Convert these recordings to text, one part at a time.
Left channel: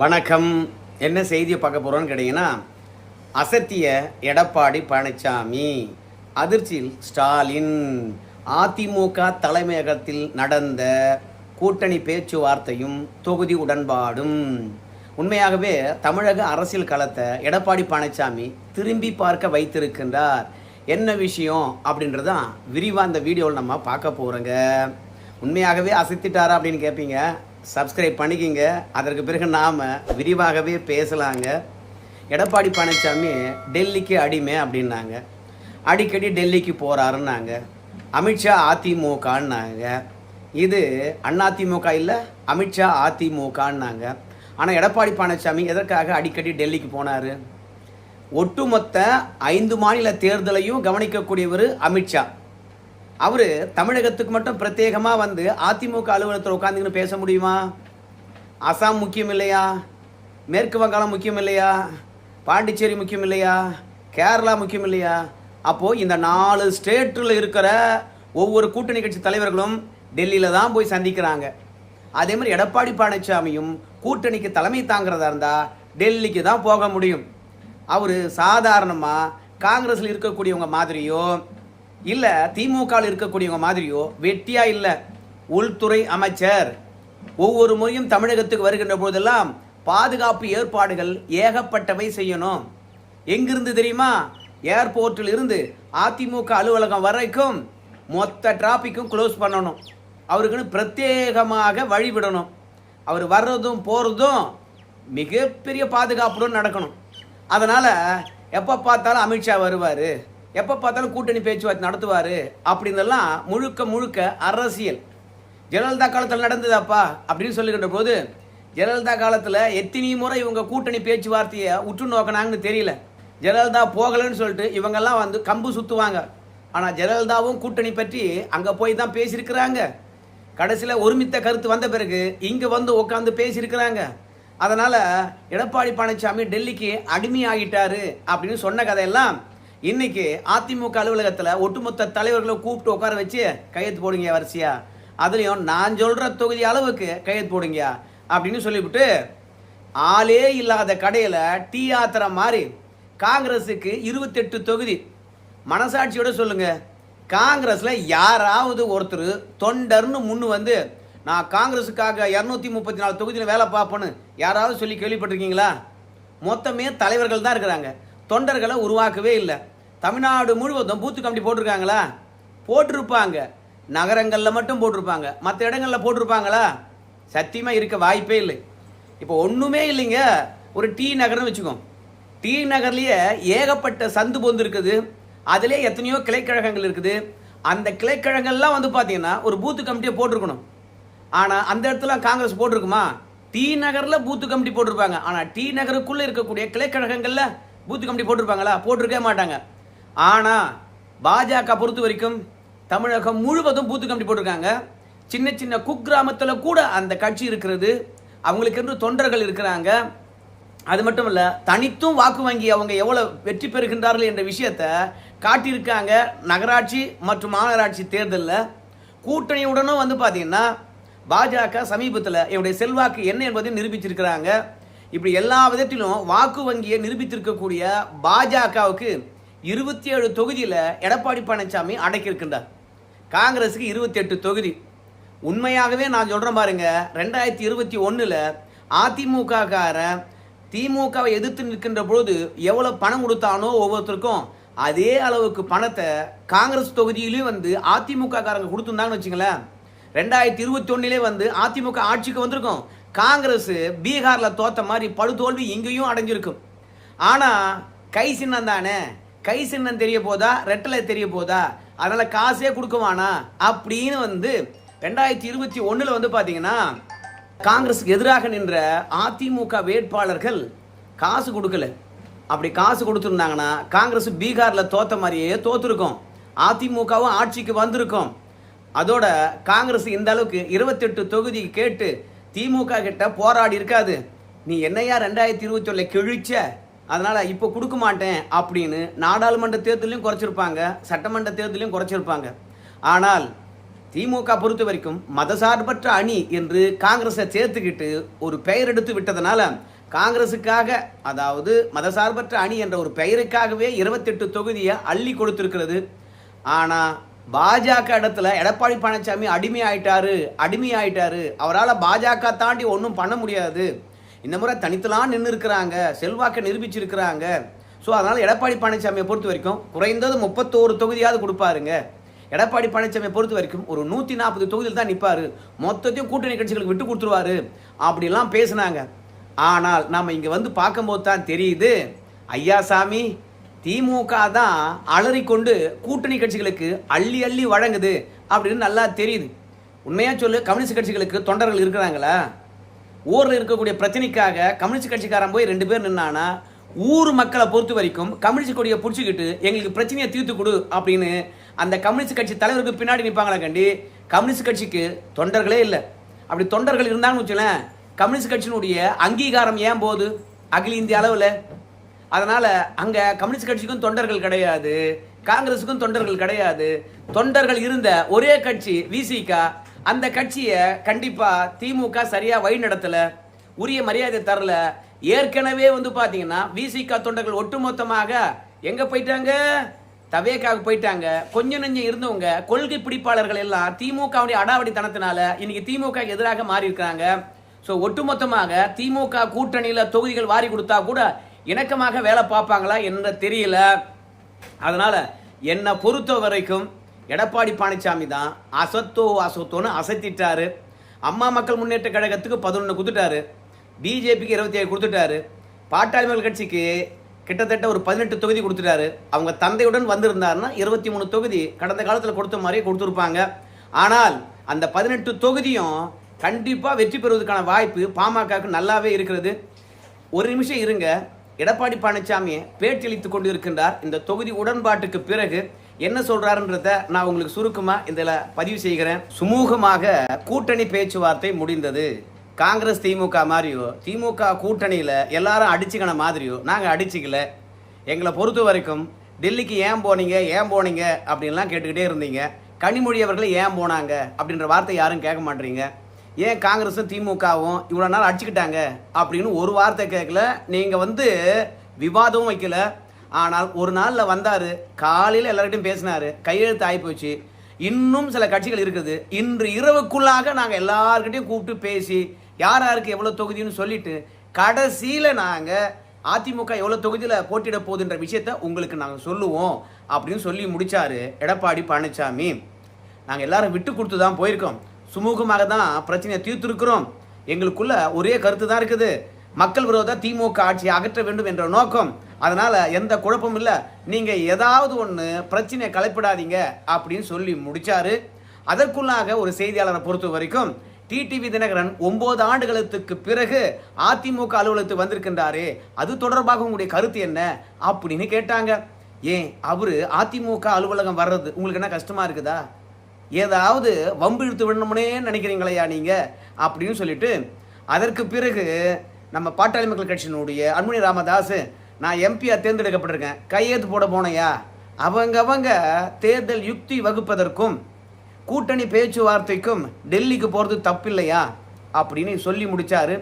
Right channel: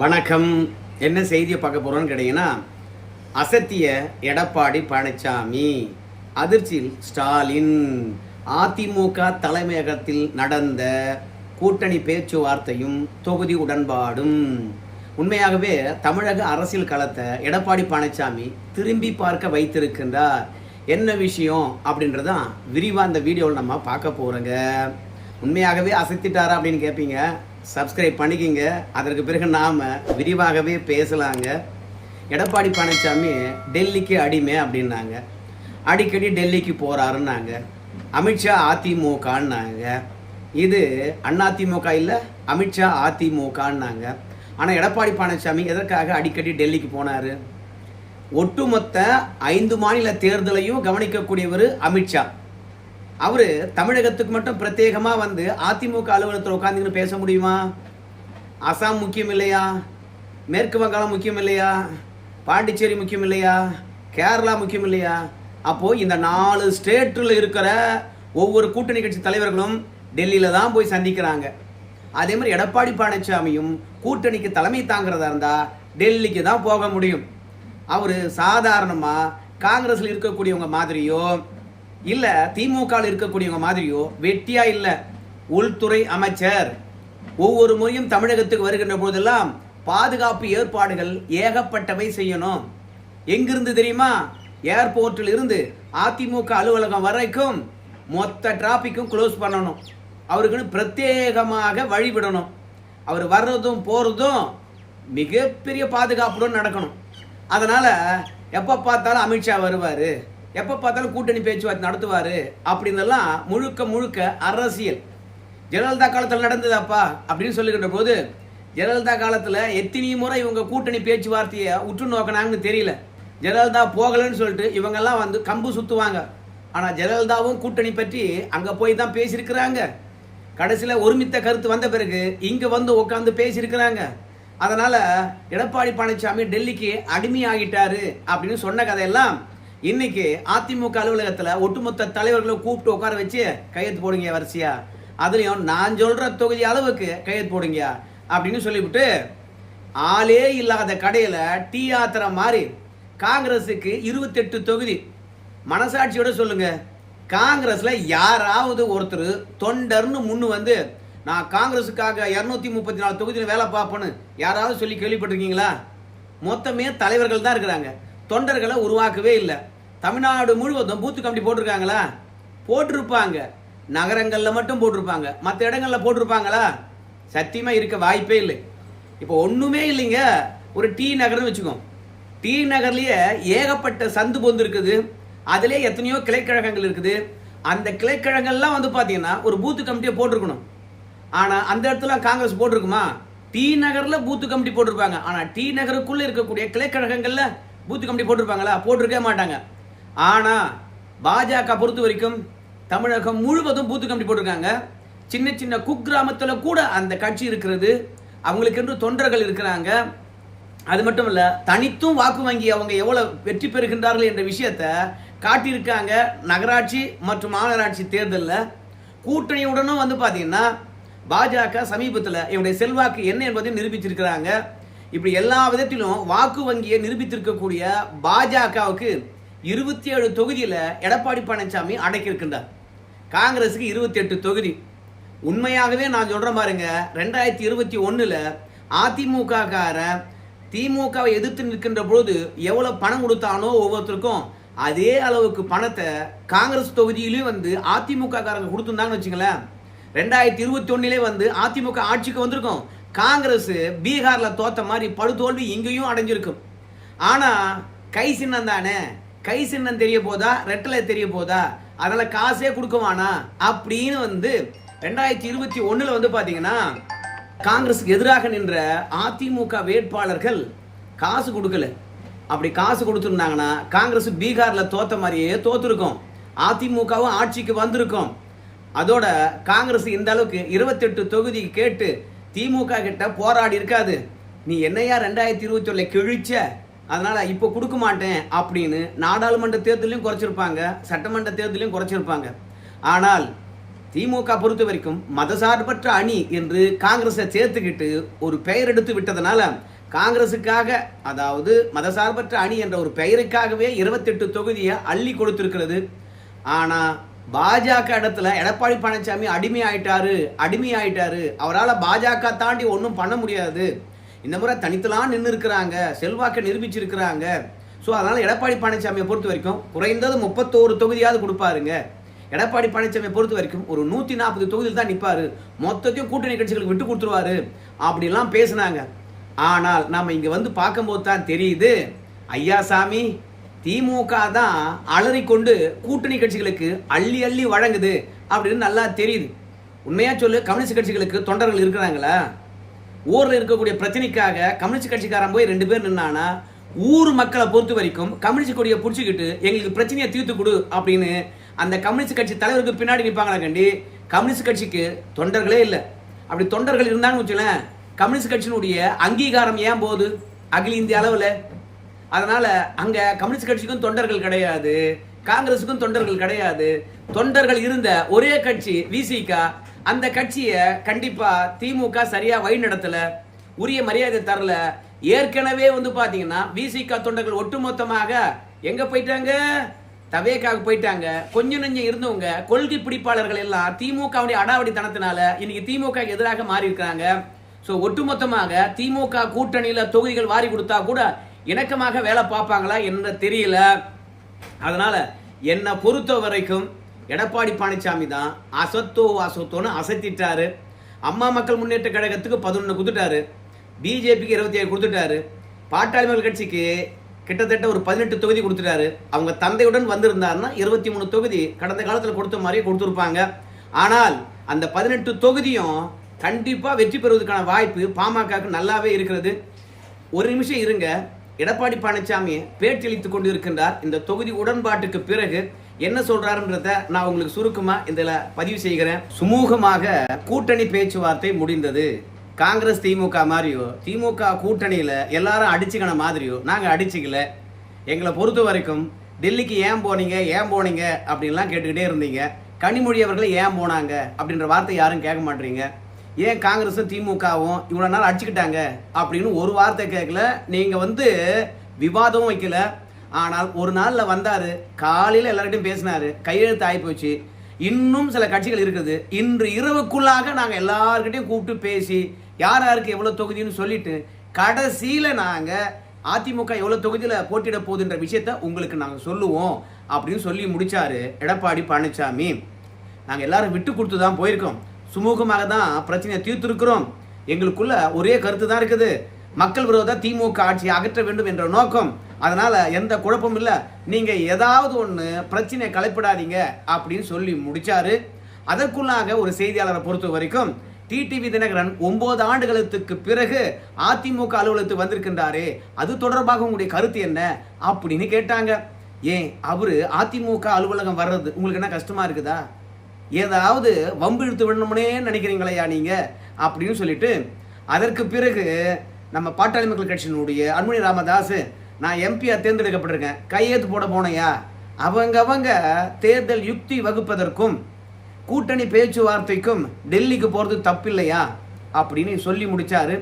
வணக்கம். என்ன செய்தியை பார்க்க போகிறோன்னு கேட்டிங்கன்னா, அசத்திய எடப்பாடி பழனிசாமி, அதிர்ச்சியில் ஸ்டாலின், அதிமுக தலைமையகத்தில் நடந்த கூட்டணி பேச்சுவார்த்தையும் தொகுதி உடன்பாடும். உண்மையாகவே தமிழக அரசியல் களத்தை எடப்பாடி பழனிசாமி திரும்பி பார்க்க வைத்திருக்கின்றார். என்ன விஷயம் அப்படின்றதான் விரிவாக இந்த வீடியோவில் நம்ம பார்க்க போகிறோங்க. உண்மையாகவே அசத்திட்டாரா அப்படின்னு கேட்பீங்க. சப்ஸ்கிரைப் பண்ணிக்கிங்க. அதற்கு பிறகு நாம் விரிவாகவே பேசலாங்க. எடப்பாடி பழனிசாமி டெல்லிக்கு அடிமை அப்படின்னாங்க. அடிக்கடி டெல்லிக்கு போகிறாருன்னாங்க. அமித்ஷா அதிமுகன்னாங்க. இது அதிமுக இல்லை, அமித்ஷா அதிமுகன்னாங்க. ஆனால் எடப்பாடி பழனிசாமி எதற்காக அடிக்கடி டெல்லிக்கு போனார்? ஒட்டுமொத்த 5 மாநில தேர்தலையும் கவனிக்கக்கூடியவர் அமித்ஷா. அவர் தமிழகத்துக்கு மட்டும் பிரத்யேகமாக வந்து அதிமுக அலுவலகத்தில் உட்காந்துன்னு பேச முடியுமா? அசாம் முக்கியம் இல்லையா? மேற்கு வங்காளம் முக்கியம் இல்லையா? பாண்டிச்சேரி முக்கியம் இல்லையா? கேரளா முக்கியம் இல்லையா? அப்போது இந்த 4 ஸ்டேட்டில் இருக்கிற ஒவ்வொரு கூட்டணி கட்சி தலைவர்களும் டெல்லியில் தான் போய் சந்திக்கிறாங்க. அதே மாதிரி எடப்பாடி பழனிசாமியும் கூட்டணிக்கு தலைமை தாங்கிறதா இருந்தால் டெல்லிக்கு தான் போக முடியும். அவர் சாதாரணமாக காங்கிரஸில் இருக்கக்கூடியவங்க மாதிரியோ இல்லை திமுகவில் இருக்கக்கூடியவங்க மாதிரியோ வெட்டியா இல்லை. உள்துறை அமைச்சர். ஒவ்வொரு முறையும் தமிழகத்துக்கு வருகின்ற போதெல்லாம் பாதுகாப்பு ஏற்பாடுகள் ஏகப்பட்டவை செய்யணும். எங்கிருந்து தெரியுமா? ஏர்போர்ட்டில் இருந்து அதிமுக அலுவலகம் வரைக்கும் மொத்த டிராபிக்கும் க்ளோஸ் பண்ணணும். அவருக்குன்னு பிரத்யேகமாக வழிவிடணும். அவர் வர்றதும் போகிறதும் மிகப்பெரிய பாதுகாப்புடன் நடக்கணும். அதனால் எப்போ பார்த்தாலும் அமித்ஷா வருவார், எப்போ பார்த்தாலும் கூட்டணி பேச்சுவார்த்தை நடத்துவார் அப்படின்னெல்லாம் முழுக்க அரசியல். ஜெயலலிதா காலத்தில் நடந்ததாப்பா அப்படின்னு சொல்லுகின்ற போது, ஜெயலலிதா காலத்தில் எத்தனை முறை இவங்க கூட்டணி பேச்சுவார்த்தையை உற்று நோக்கினாங்கன்னு தெரியல. ஜெயலலிதா போகலன்னு சொல்லிட்டு இவங்கெல்லாம் வந்து கம்பு சுற்றுவாங்க. ஆனால் ஜெயலலிதாவும் கூட்டணி பற்றி அங்கே போய் தான் பேசியிருக்கிறாங்க. கடைசியில் ஒருமித்த கருத்து வந்த பிறகு இங்கே வந்து உட்காந்து பேசியிருக்கிறாங்க. அதனால் எடப்பாடி பழனிசாமி டெல்லிக்கு அடிமையாகிட்டாரு அப்படின்னு சொன்ன கதையெல்லாம் இன்னைக்கு அதிமுக அலுவலகத்தில் ஒட்டுமொத்த தலைவர்களை கூப்பிட்டு உட்கார வச்சு கையெழுத்து போடுங்க வரிசையா, அதுலேயும் நான் சொல்கிற தொகுதி அளவுக்கு கையெழுத்து போடுங்க அப்படின்னு சொல்லிவிட்டு ஆளே இல்லாத கடையில் டீ ஆத்திர மாதிரி காங்கிரஸுக்கு 28 தொகுதி. மனசாட்சியோட சொல்லுங்க, காங்கிரஸில் யாராவது ஒருத்தர் தொண்டர்னு முன்னு வந்து நான் காங்கிரஸுக்காக 234 தொகுதியில் வேலை பார்ப்பேன்னு யாராவது சொல்லி கேள்விப்பட்டிருக்கீங்களா? மொத்தமே தலைவர்கள் தான் இருக்கிறாங்க. தொண்டர்களை உருவாக்கவே இல்லை. தமிழ்நாடு முழுவதும் பூத்து கமிட்டி போட்டிருக்காங்களா? போட்டிருப்பாங்க. நகரங்களில் மட்டும் போட்டிருப்பாங்க, மற்ற இடங்களில் போட்டிருப்பாங்களா? சத்தியமாக இருக்க வாய்ப்பே இல்லை. இப்போ ஒன்றுமே இல்லைங்க. ஒரு டி நகர்னு வச்சுக்கோம். டி நகர்லேயே ஏகப்பட்ட சந்து பொந்து இருக்குது. அதிலே எத்தனையோ கிளைக்கழகங்கள் இருக்குது. அந்த கிளைக்கழகங்கள்லாம் வந்து பார்த்தீங்கன்னா ஒரு பூத்து கமிட்டியை போட்டிருக்கணும். ஆனால் அந்த இடத்துல காங்கிரஸ் போட்டிருக்குமா? டி நகரில் பூத்து கமிட்டி போட்டிருப்பாங்க. ஆனால் டி நகருக்குள்ளே இருக்கக்கூடிய கிளைக்கழகங்களில் பூத்து கமிட்டி போட்டிருப்பாங்களா? போட்டிருக்கவே மாட்டாங்க. ஆனால் பாஜக பொறுத்த வரைக்கும் தமிழகம் முழுவதும் பூத்து கமிட்டி போட்டிருக்காங்க. சின்ன சின்ன குக்கிராமத்தில் கூட அந்த கட்சி இருக்கிறது. அவங்களுக்கு என்று தொண்டர்கள் இருக்கிறாங்க. அது மட்டும் இல்லை, தனித்தும் வாக்கு வங்கி அவங்க எவ்வளோ வெற்றி பெறுகின்றார்கள் என்ற விஷயத்தை காட்டியிருக்காங்க. நகராட்சி மற்றும் மாநகராட்சி தேர்தலில் கூட்டணியுடனும் வந்து பார்த்தீங்கன்னா பாஜக சமீபத்தில் என்னுடைய செல்வாக்கு என்ன என்பதை நிரூபிச்சிருக்கிறாங்க. இப்படி எல்லா விதத்திலும் வாக்கு வங்கியை நிரூபித்திருக்கக்கூடிய பாஜகவுக்கு 27 தொகுதியில் எடப்பாடி பழனிசாமி அடக்கியிருக்கின்றார். காங்கிரஸுக்கு 28 தொகுதி. உண்மையாகவே நான் சொல்கிறேன் பாருங்க, 2021 அதிமுக காரன் திமுகவை எதிர்த்து நிற்கின்ற பொழுது எவ்வளோ பணம் கொடுத்தானோ ஒவ்வொருத்தருக்கும் அதே அளவுக்கு பணத்தை காங்கிரஸ் தொகுதியிலையும் வந்து அதிமுக காரங்க கொடுத்துருந்தாங்கன்னு வச்சுங்களேன். 2021 வந்து அதிமுக ஆட்சிக்கு வந்திருக்கும். காங்கிரஸ் பீகாரில் தோத்த மாதிரி படுதோல்வி இங்கேயும் அடைஞ்சிருக்கும். ஆனால் கை சின்னம் தானே, கை சின்னம் தெரிய போதா, ரெட்டலை தெரிய போதா, அதனால் காசே கொடுக்குவானா அப்படின்னு வந்து 2021 வந்து பார்த்தீங்கன்னா காங்கிரஸுக்கு எதிராக நின்ற அதிமுக வேட்பாளர்கள் காசு கொடுக்கல. அப்படி காசு கொடுத்துருந்தாங்கன்னா காங்கிரஸ் பீகாரில் தோத்த மாதிரியே தோத்துருக்கும், அதிமுகவும் ஆட்சிக்கு வந்திருக்கும். அதோட காங்கிரஸ் இந்த அளவுக்கு 28 தொகுதி கேட்டு திமுக கிட்ட போராடி இருக்காது. நீ என்னையா 2021 கிழிச்ச, அதனால இப்போ கொடுக்க மாட்டேன் அப்படின்னு நாடாளுமன்ற தேர்தலையும் குறைச்சிருப்பாங்க, சட்டமன்ற தேர்தலையும் குறைச்சிருப்பாங்க. ஆனால் திமுக பொறுத்த வரைக்கும் மதசார்பற்ற அணி என்று காங்கிரஸை சேர்த்துக்கிட்டு ஒரு பெயர் எடுத்து விட்டதனால காங்கிரசுக்காக, அதாவது மதசார்பற்ற அணி என்ற ஒரு பெயருக்காகவே 28 தொகுதியை அள்ளி கொடுத்திருக்கிறது. ஆனா பாஜக இடத்துல எடப்பாடி பழனிசாமி அடிமையாயிட்டாரு. அவரால் பாஜக தாண்டி ஒன்றும் பண்ண முடியாது. இந்த முறை தனித்தலாம் நின்று இருக்கிறாங்க, செல்வாக்கை நிரூபிச்சிருக்கிறாங்க. ஸோ அதனால எடப்பாடி பழனிசாமியை பொறுத்த வரைக்கும் குறைந்தது 31 தொகுதியாவது கொடுப்பாருங்க. எடப்பாடி பழனிசாமியை பொறுத்த வரைக்கும் ஒரு 140 தொகுதியில் தான் நிற்பாரு, மொத்தத்தையும் கூட்டணி கட்சிகளுக்கு விட்டு கொடுத்துருவாரு அப்படிலாம் பேசினாங்க. ஆனால் நாம இங்க வந்து பார்க்கும்போது தான் தெரியுது, ஐயா சாமி திமுக தான் அலறிக்கொண்டு கூட்டணி கட்சிகளுக்கு அள்ளி அள்ளி வழங்குது அப்படின்னு நல்லா தெரியுது. உண்மையா சொல்லு, கம்யூனிஸ்ட் கட்சிகளுக்கு தொண்டர்கள் இருக்கிறாங்களா? ஊரில் இருக்கக்கூடிய பிரச்சனைக்காக கம்யூனிஸ்ட் கட்சிக்காரன் போய் 2 பேர் நின்னானா, ஊர் மக்களை பொறுத்த வரைக்கும் கம்யூனிஸ்ட் கொடியை பிடிச்சிக்கிட்டு எங்களுக்கு பிரச்சனையை தீர்த்து கொடு அப்படின்னு அந்த கம்யூனிஸ்ட் கட்சி தலைவருக்கு பின்னாடி நிற்பாங்களா கண்டி? கம்யூனிஸ்ட் கட்சிக்கு தொண்டர்களே இல்லை. அப்படி தொண்டர்கள் இருந்தாங்கன்னு வச்சுக்கலேன், கம்யூனிஸ்ட் கட்சியினுடைய அங்கீகாரம் ஏன் போகுது அகில இந்திய அளவில்? அதனால அங்க கம்யூனிஸ்ட் கட்சிக்கும் தொண்டர்கள் கிடையாது, காங்கிரஸுக்கும் தொண்டர்கள் கிடையாது. தொண்டர்கள் இருந்த ஒரே கட்சி விசிக. அந்த கட்சியை கண்டிப்பா திமுக சரியா வழி நடத்தல, உரிய மரியாதை தரல. ஏற்கனவே வந்து பாத்தீங்கன்னா விசிக தொண்டர்கள் ஒட்டுமொத்தமாக எங்க போயிட்டாங்க? தவேக்காவுக்கு போயிட்டாங்க. கொஞ்சம் நெஞ்சம் இருந்தவங்க கொள்கை பிடிப்பாளர்கள் எல்லாம் திமுகவுடைய அடாவடித்தனத்தினால இன்னைக்கு திமுக எதிராக மாறி இருக்காங்க. ஸோ ஒட்டுமொத்தமாக திமுக கூட்டணியில தொகுதிகள் வாரி கொடுத்தா கூட இணக்கமாக வேலை பார்ப்பாங்களா என்று தெரியல. அதனால என்னை பொறுத்த வரைக்கும் எடப்பாடி பழனிசாமி தான் அசத்தோன்னு அசத்திட்டாரு. அம்மா மக்கள் முன்னேற்ற கழகத்துக்கு 11 கொடுத்துட்டாரு, பிஜேபிக்கு 27 கொடுத்துட்டாரு, பாட்டாளி மக்கள் கட்சிக்கு கிட்டத்தட்ட ஒரு 18 தொகுதி கொடுத்துட்டாரு. அவங்க தந்தையுடன் வந்திருந்தாருன்னா 23 தொகுதி கடந்த காலத்தில் கொடுத்த மாதிரியே கொடுத்துருப்பாங்க. ஆனால் அந்த 18 தொகுதியும் கண்டிப்பா வெற்றி பெறுவதற்கான வாய்ப்பு பாமகவுக்கு நல்லாவே இருக்கிறது. ஒரு நிமிஷம் இருங்க, எடப்பாடி பழனிசாமி பேட்டியளித்துக் கொண்டு இருக்கின்றார். இந்த தொகுதி உடன்பாட்டுக்கு பிறகு என்ன சொல்றாருன்றத நான் உங்களுக்கு சுருக்கமா இதுல பதிவு செய்கிறேன். சுமூகமாக கூட்டணி பேச்சுவார்த்தை முடிந்தது. காங்கிரஸ் திமுக மாதிரியோ திமுக கூட்டணியில எல்லாரும் அடிச்சுக்கின மாதிரியோ நாங்க அடிச்சுக்கல. எங்களை பொறுத்த வரைக்கும் டெல்லிக்கு ஏன் போனீங்க அப்படின்லாம் கேட்டுக்கிட்டே இருந்தீங்க. கனிமொழி அவர்கள் ஏன் போனாங்க அப்படின்ற வார்த்தை யாரும் கேட்க மாட்டீங்க. ஏன் காங்கிரஸும் திமுகவும் இவ்வளவு நாள் அடிச்சுக்கிட்டாங்க அப்படின்னு ஒரு வார்த்தை கேட்கல. நீங்க வந்து விவாதமும் வைக்கல. ஆனால் ஒரு நாள்ல வந்தாரு, காலையில எல்லார்கிட்டையும் பேசினாரு, கையெழுத்து ஆகி போச்சு. இன்னும் சில கட்சிகள் இருக்குது. இன்று இரவுக்குள்ளாக நாங்க எல்லார்கிட்டையும் கூப்பிட்டு பேசி யார் யாருக்கு எவ்வளவு தொகுதின்னு சொல்லிட்டு கடைசியில நாங்க அதிமுக எவ்வளவு தொகுதியில போட்டியிட போகுதுன்ற விஷயத்த உங்களுக்கு நாங்க சொல்லுவோம் அப்படின்னு சொல்லி முடிச்சாரு எடப்பாடி பழனிசாமி. நாங்க எல்லாரும் விட்டு கொடுத்து தான் போயிருக்கோம், சுமூகமாக தான் பிரச்சனையை தீர்த்திருக்கிறோம். எங்களுக்குள்ள ஒரே கருத்து தான் இருக்குது, மக்கள் விரோத திமுக ஆட்சியை அகற்ற வேண்டும் என்ற நோக்கம். அதனால எந்த குழப்பமும் இல்லை, நீங்க ஏதாவது ஒண்ணு பிரச்சனையை கலைப்படாதீங்க அப்படின்னு சொல்லி முடிச்சாரு. அதற்குள்ளாக ஒரு செய்தியாளரை பொறுத்த வரைக்கும் டிடிவி தினகரன் 9 ஆண்டுகளுக்கு பிறகு அதிமுக அலுவலகத்துக்கு வந்திருக்கின்றாரே, அது தொடர்பாக உங்களுடைய கருத்து என்ன அப்படின்னு கேட்டாங்க. ஏன் அவரு அதிமுக அலுவலகம் வர்றது உங்களுக்கு என்ன கஷ்டமா இருக்குதா? ஏதாவது வம்பு இழுத்து விடணும்னே நினைக்கிறீங்களையா நீங்க அப்படின்னு சொல்லிட்டு, அதற்கு பிறகு நம்ம பாட்டாளி மக்கள் கட்சியினுடைய அன்புமணி ராமதாஸ், நான் எம்பியா தேர்ந்தெடுக்கப்பட்டிருக்கேன், கையெழுத்து போட போனையா? அவங்க தேர்தல் யுக்தி வகுப்பதற்கும் கூட்டணி பேச்சுவார்த்தைக்கும் டெல்லிக்கு போறது தப்பில்லையா அப்படின்னு சொல்லி முடிச்சாரு.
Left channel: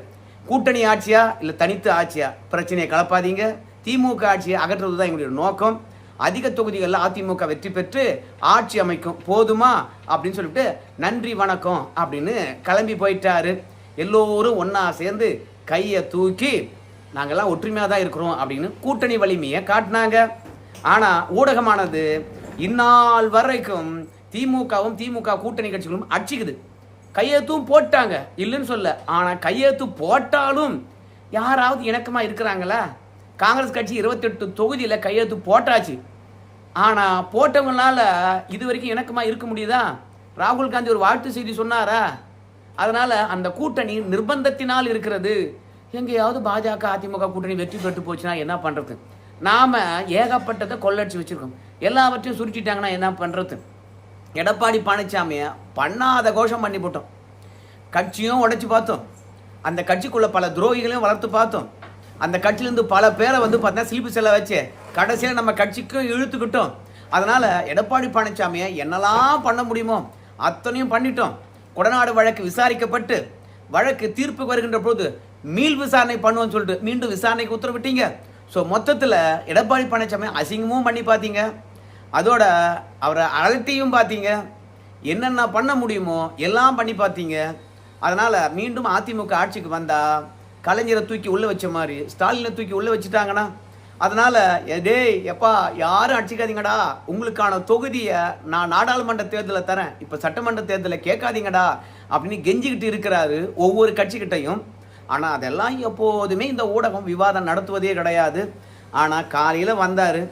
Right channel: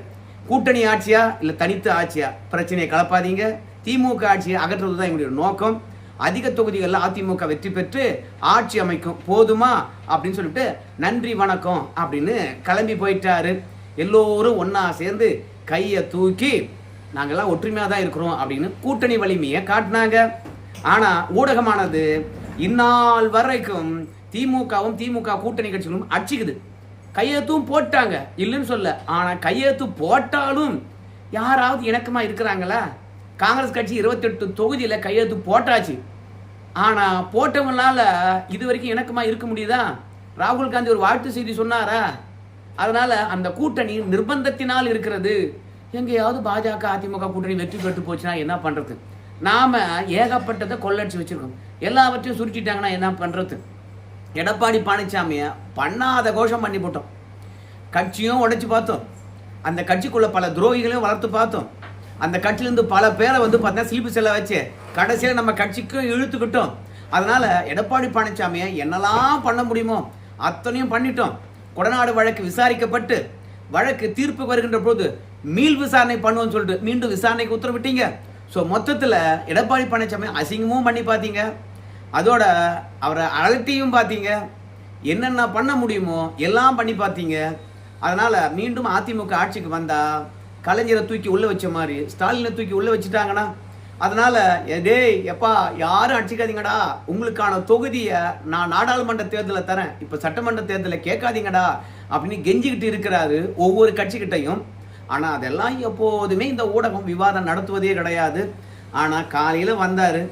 கூட்டணி ஆட்சியா இல்ல தனித்து ஆட்சியா, பிரச்சனையை கலப்பாதீங்க, திமுக ஆட்சியை அகற்றுவதுதான் எங்களுடைய நோக்கம். அதிக தொகுதிகளில் அதிமுக வெற்றி பெற்று ஆட்சி அமைக்கும், போதுமா அப்படின்னு சொல்லிட்டு நன்றி வணக்கம் அப்படின்னு கிளம்பி போயிட்டாரு. எல்லோரும் ஒன்னா சேர்ந்து கையை தூக்கி நாங்கெல்லாம் ஒற்றுமையா தான் இருக்கிறோம் அப்படின்னு கூட்டணி வலிமையை காட்டினாங்க. ஆனா ஊடகமானது இந்நாள் வரைக்கும் திமுகவும் திமுக கூட்டணி கட்சிகளும் அடிச்சுக்குது. கையெழுத்தும் போட்டாங்க, இல்லைன்னு சொல்ல. ஆனா கையெழுத்து போட்டாலும் யாராவது இணக்கமா இருக்கிறாங்களா? காங்கிரஸ் கட்சி 28 தொகுதியில கையெழுத்து போட்டாச்சு. ஆனா போட்டவங்களால இது வரைக்கும் இணக்கமா இருக்க முடியுதா? ராகுல் காந்தி ஒரு வாழ்த்து செய்தி சொன்னாரா? அதனால அந்த கூட்டணி நிர்பந்தத்தினால் இருக்கிறது. எங்கேயாவது பாஜக அதிமுக கூட்டணி வெற்றி பெற்று போச்சுன்னா என்ன பண்றது? நாம ஏகப்பட்டதை கொள்ளடிச்சு வச்சிருக்கோம், எல்லாவற்றையும் சுருட்டிட்டாங்கன்னா என்ன பண்றது? எடப்பாடி பழனிசாமிய பண்ணாத கோஷம் பண்ணி போட்டோம், கட்சியும் உடைச்சு பார்த்தோம், அந்த கட்சிக்குள்ள பல துரோகிகளையும் வளர்த்து பார்த்தோம், அந்த கட்சியிலிருந்து பல பேரை வந்து பார்த்தா சீப்பு செல்ல வச்சு கடைசியில் நம்ம கட்சிக்கு இழுத்துக்கிட்டோம். அதனால எடப்பாடி பழனிசாமியை என்னெல்லாம் பண்ண முடியுமோ அத்தனையும் பண்ணிட்டோம். கொடநாடு வழக்கு விசாரிக்கப்பட்டு வழக்கு தீர்ப்பு வருகின்ற போது மீள் விசாரணை பண்ணுவோம்னு சொல்லிட்டு மீண்டும் விசாரணைக்கு உத்தரவிட்டீங்க. ஸோ மொத்தத்தில் எடப்பாடி பழனிசாமி அசிங்கமும் பண்ணி பார்த்தீங்க, அதோட அவரை அலட்டியும் பார்த்தீங்க, என்னென்ன பண்ண முடியுமோ எல்லாம் பண்ணி பார்த்தீங்க. அதனால மீண்டும் அதிமுக ஆட்சிக்கு வந்தா கலைஞரை தூக்கி உள்ள வச்ச மாதிரி ஸ்டாலினை தூக்கி உள்ள வச்சுட்டாங்கன்னா, அதனால எப்பா யாரும் அடிச்சுக்காதீங்கடா, உங்களுக்கான தொகுதியை நான் நாடாளுமன்ற தேர்தலை தரேன், இப்ப சட்டமன்ற தேர்தலை கேட்காதீங்கடா அப்படின்னு கெஞ்சிக்கிட்டு இருக்கிறாரு ஒவ்வொரு கட்சிக்கிட்டையும். ஆனா அதெல்லாம் எப்போதுமே இந்த ஊடகம் விவாதம் நடத்துவதே கிடையாது. ஆனா காலையில வந்தாரு,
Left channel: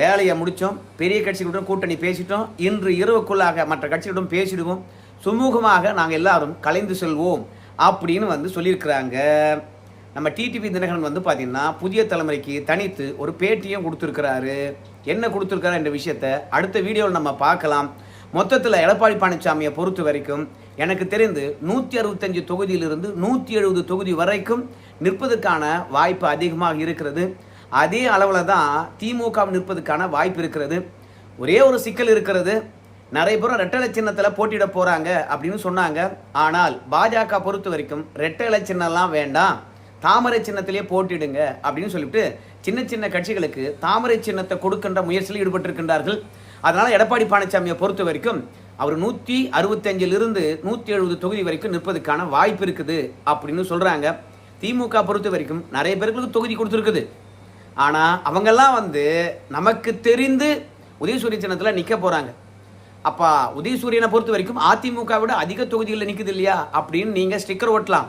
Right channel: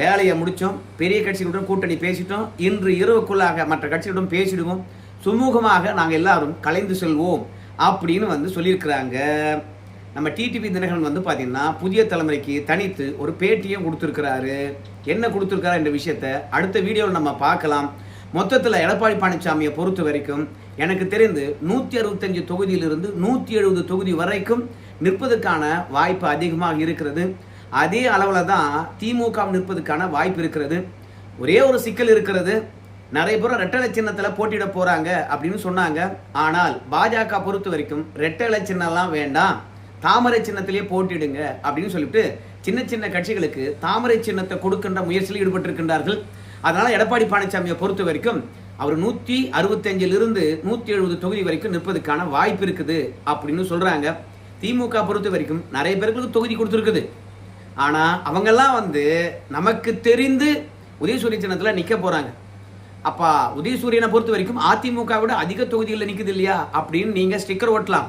வேலையை முடிச்சோம், பெரிய கட்சிகளுடன் கூட்டணி பேசிட்டோம், இன்று இரவுக்குள்ளாக மற்ற கட்சிகளுடன் பேசிடுவோம், சுமூகமாக நாங்கள் எல்லாரும் கலைந்து செல்வோம் அப்படின்னு சொல்லியிருக்கிறாங்க. நம்ம டிடிவி தினகரன் பார்த்தீங்கன்னா புதிய தலைமுறைக்கு தனித்து ஒரு பேட்டியும் கொடுத்துருக்கிறாரு. என்ன கொடுத்துருக்காரு என்ற விஷயத்த அடுத்த வீடியோவில் நம்ம பார்க்கலாம். மொத்தத்தில் எடப்பாடி பழனிசாமியை பொறுத்த வரைக்கும் எனக்கு தெரிந்து 165 தொகுதியிலிருந்து 170 தொகுதி வரைக்கும் நிற்பதற்கான வாய்ப்பு அதிகமாக இருக்கிறது. அதே அளவில் தான் திமுக நிற்பதற்கான வாய்ப்பு இருக்கிறது. ஒரே ஒரு சிக்கல் இருக்கிறது, நிறைய பேர் ரெட்டை சின்னத்தில் போட்டியிட போறாங்க அப்படின்னு சொன்னாங்க. ஆனால் பாஜக பொறுத்த வரைக்கும் ரெட்டை சின்னம்லாம் வேண்டாம், தாமரை சின்னத்திலே போட்டிடுங்க அப்படின்னு சொல்லிட்டு சின்ன சின்ன கட்சிகளுக்கு தாமரை சின்னத்தை கொடுக்கின்ற முயற்சியில் ஈடுபட்டிருக்கின்றார்கள். அதனால எடப்பாடி பழனிசாமியை பொறுத்த வரைக்கும் அவர் 165 170 தொகுதி வரைக்கும் நிற்பதற்கான வாய்ப்பு இருக்குது அப்படின்னு சொல்றாங்க. திமுக பொறுத்த வரைக்கும் நிறைய பேருக்கு தொகுதி கொடுத்துருக்குது. ஆனா அவங்கெல்லாம் நமக்கு தெரிந்து உதயசூரிய சின்னத்துல நிக்க போறாங்க. அப்பா உதயசூரியனை பொறுத்த வரைக்கும் அதிமுக விட அதிக தொகுதிகளில் நிக்குது இல்லையா அப்படின்னு நீங்க ஸ்டிக்கர் ஓட்டலாம்.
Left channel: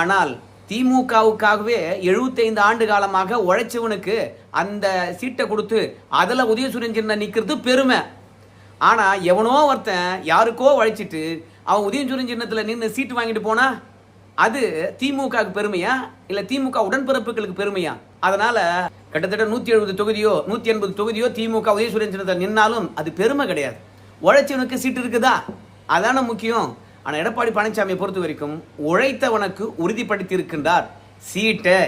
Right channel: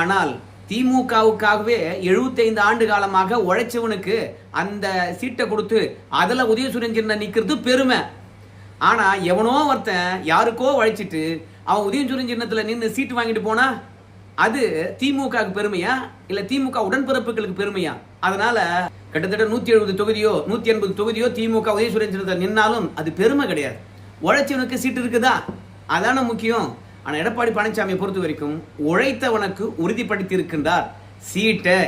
ஆனால் திமுகவுக்காகவே 75 ஆண்டு காலமாக உழைச்சவனுக்கு அந்த சீட்டை கொடுத்து அதுல உதயசூரியன் சின்ன நிக்கிறது பெருமை. ஆனா எவனோ ஒருத்தன் யாருக்கோ உழைச்சிட்டு அவன் உதயசூரியன் சின்னத்துல நின்று சீட்டு வாங்கிட்டு போனா அது திமுகவுக்கு பெருமையா இல்ல திமுக உடன்பிறப்புகளுக்கு பெருமையா? அதனால கிட்டத்தட்ட 170 தொகுதியோ 180 தொகுதியோ திமுக உதயசூரியன் சின்னத்தில் நின்னாலும் அது பெருமை கிடையாது. உழைச்சவனுக்கு சீட்டு இருக்குதா, அதான முக்கியம். ஆனா எடப்பாடி பழனிசாமியை பொறுத்த வரைக்கும் உழைத்தவனுக்கு உறுதிப்படுத்தி இருக்கின்றார் சீட்டை.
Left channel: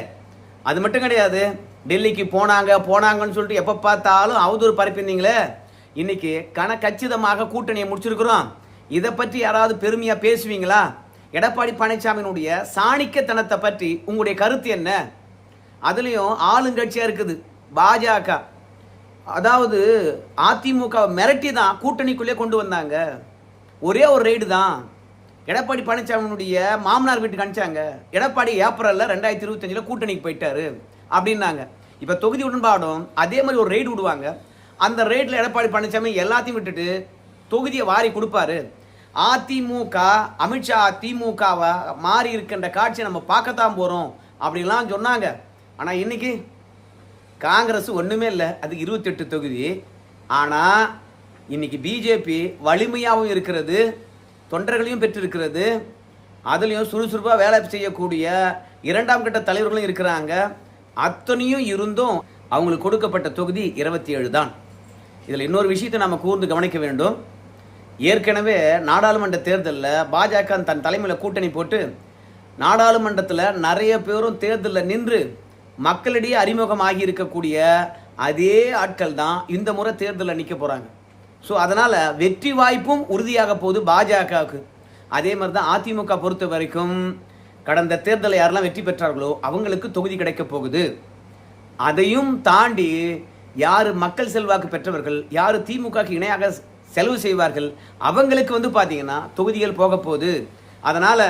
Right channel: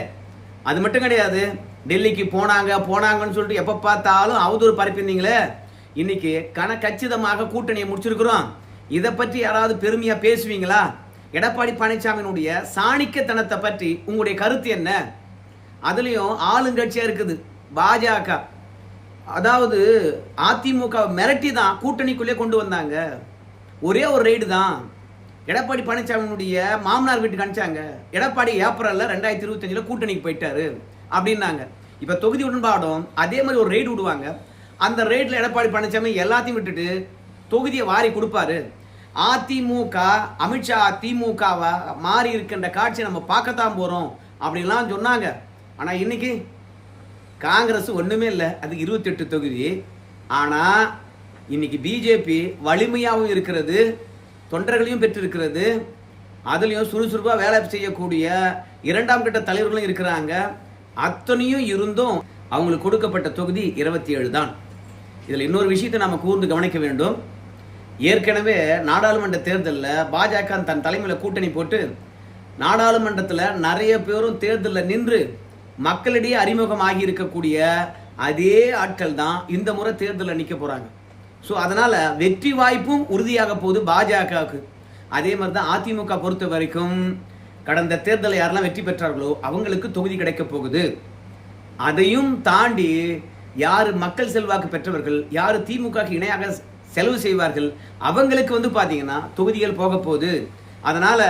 அது மட்டும் கிடையாது, டெல்லிக்கு போனாங்கன்னு சொல்லிட்டு எப்ப பார்த்தாலும் அவதூறு பரப்பியிருந்தீங்களே, இன்னைக்கு கச்சிதமாக கூட்டணியை முடிச்சிருக்கிறோம். இதை பற்றி யாராவது பெருமையா பேசுவீங்களா? எடப்பாடி பழனிசாமியினுடைய சாணிக்கத்தனத்தை பற்றி உங்களுடைய கருத்து என்ன? அதுலயும் ஆளுங்கட்சியா இருக்குது பாஜக, அதாவது அதிமுக மிரட்டி தான் கூட்டணிக்குள்ளே கொண்டு வந்தாங்க. ஒரே ஒரு ரெய்டு தான் எடப்பாடி பழனிசாமியினுடைய மாமனார் வீட்டுக்கு அனுப்பிச்சாங்க. எடப்பாடி ஏப்ரல்ல 2025 கூட்டணிக்கு போயிட்டாரு அப்படின்னாங்க. இப்ப தொகுதி உடன்பாடும் அதே மாதிரி ஒரு ரெய்டு விடுவாங்க. அந்த ரெய்ட்ல எடப்பாடி பழனிசாமி எல்லாத்தையும் விட்டுட்டு தொகுதியை வாரி கொடுப்பாரு. அதிமுக அமித்ஷா திமுகவை மாறி இருக்கின்ற காட்சியை நம்ம பார்க்கத்தான் போறோம் அப்படின்லாம் சொன்னாங்க. ஆனா இன்னைக்கு காங்கிரஸ் ஒண்ணுமே இல்லை, அதுக்கு 28 தொகுதி. ஆனா இன்னைக்கு பிஜேபி வலிமையாகவும் இருக்கிறது, தொண்டர்களையும் பெற்றிருக்கிறது, அதுலயும் சுறுசுறுப்பா வேலை செய்யக்கூடிய 2ஆம் கட்ட தலைவர்களும் இருக்கிறாங்க. அத்தனையும் இருந்தும் அவங்களுக்கு கொடுக்கப்பட்ட தொகுதி 27 தான். இதுல இன்னொரு விஷயத்தை நம்ம கூர்ந்து கவனிக்க வேண்டும். ஏற்கனவே நாடாளுமன்ற தேர்தலில் பாஜக தன் தலைமையில் கூட்டணி போட்டு நாடாளுமன்றத்தில் நிறைய பேரும் தேர்தலில் நின்று மக்களிடையே அறிமுகமாகி இருக்கக்கூடிய அதே ஆட்கள் தான் இந்த முறை தேர்தலில் நிற்க போறாங்க. ஸோ அதனால வெற்றி வாய்ப்பும் உறுதியாக போகுது பாஜகவுக்கு. அதே மாதிரி தான் அதிமுக பொறுத்த வரைக்கும் கடந்த தேர்தலில் யாரெல்லாம் வெற்றி பெற்றார்களோ அவங்களுக்கு தொகுதி கிடைக்க போகுது. அதையும் தாண்டி யாரு மக்கள் செல்வாக்கு பெற்றவர்கள், யாரு திமுக இணையாக செலவு செய்வார்கள், அவங்களுக்கு பாத்தீங்கன்னா தொகுதிகள் போக போகுது. அதனால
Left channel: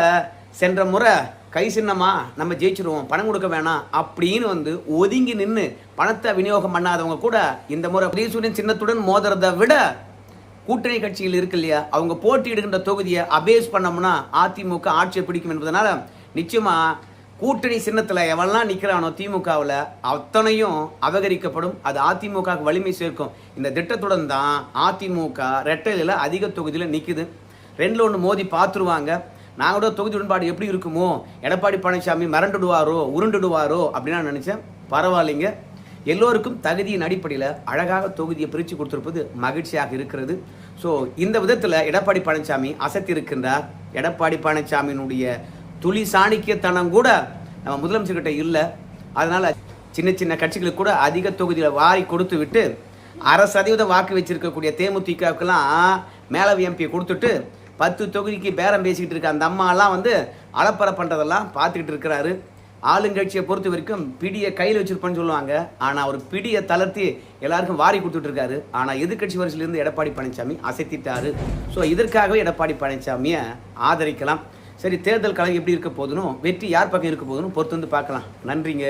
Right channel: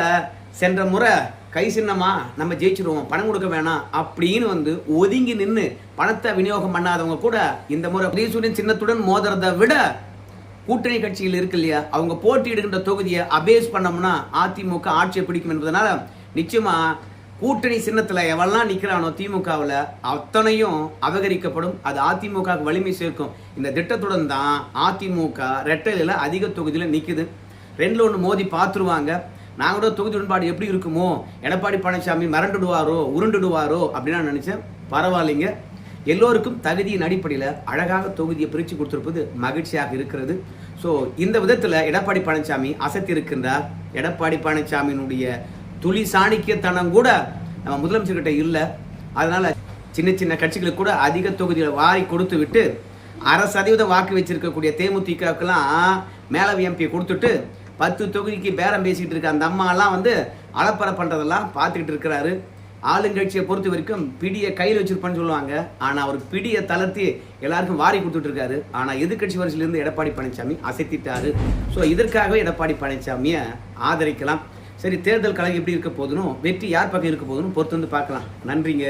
சென்ற முறை கை சின்னமா நம்ம ஜெயிச்சிருவோம், பணம் கொடுக்க வேணாம் அப்படின்னு ஒதுங்கி நின்று பணத்தை விநியோகம் பண்ணாதவங்க கூட இந்த முறை உதயசூரியன் சின்னத்துடன் மோதுறதை விட கூட்டணி கட்சியில் இருக்கு இல்லையா, அவங்க போட்டியிடுகின்ற தொகுதியை அபேஸ் பண்ணோம்னா அதிமுக ஆட்சியை பிடிக்கும் என்பதனால நிச்சயமா கூட்டணி சின்னத்துல எவெல்லாம் நிக்கிறானோ திமுகவில் அத்தனையும் அபகரிக்கப்படும். அது அதிமுக வலிமை சேர்க்கும். இந்த திட்டத்துடன் தான் அதிமுக ரெட்டையில அதிக தொகுதியில நிக்குது. 2-1 மோதி பார்த்துருவாங்க. நாங்களோட தொகுதி உடன்பாடு எப்படி இருக்குமோ, எடப்பாடி பழனிசாமி மிரண்டுடுவாரோ உருண்டுடுவாரோ அப்படின்னு நான் நினைச்சேன். பரவாயில்லைங்க, எல்லோருக்கும் தகுதியின் அடிப்படையில் அழகாக தொகுதியை பிரித்து கொடுத்திருப்பது மகிழ்ச்சியாக இருக்கிறது. ஸோ இந்த விதத்தில் எடப்பாடி பழனிசாமி அசத்தி இருக்கின்றார். எடப்பாடி பழனிசாமியினுடைய துளி சாணிக்கியத்தனம் கூட நம்ம முதலமைச்சர்கிட்ட இல்லை. அதனால சின்ன சின்ன கட்சிகளுக்கு கூட அதிக தொகுதியை வாரி கொடுத்து விட்டு 1/2% வாக்கு வச்சிருக்கக்கூடிய தேமுதிகவுக்கெல்லாம் மேலவை எம்பியை கொடுத்துட்டு 10 தொகுதிக்கு பேரம் பேசிக்கிட்டு இருக்க அந்த அம்மாலாம் வந்து அலப்பறை பண்ணுறதெல்லாம் பார்த்துக்கிட்டு இருக்கிறாரு. ஆளுங்கட்சியை பொறுத்த வரைக்கும் பிடியை கையில் வச்சிருப்பான்னு சொல்லுவாங்க. ஆனால் அவர் பிடியை தளர்த்தி எல்லாருக்கும் வாரி கொடுத்துட்டு இருக்காரு. ஆனால் எதிர்கட்சி வரிசையிலிருந்து எடப்பாடி பழனிசாமி அசைத்திட்டாரு. ஸோ இதற்காகவே எடப்பாடி பழனிசாமியை ஆதரிக்கலாம். சரி, தேர்தல் கழகம் எப்படி இருக்க போதுன்னு, வெற்றி யார் பக்கம் இருக்க போதுன்னு பொறுத்து வந்து பார்க்கலாம். நன்றிங்க.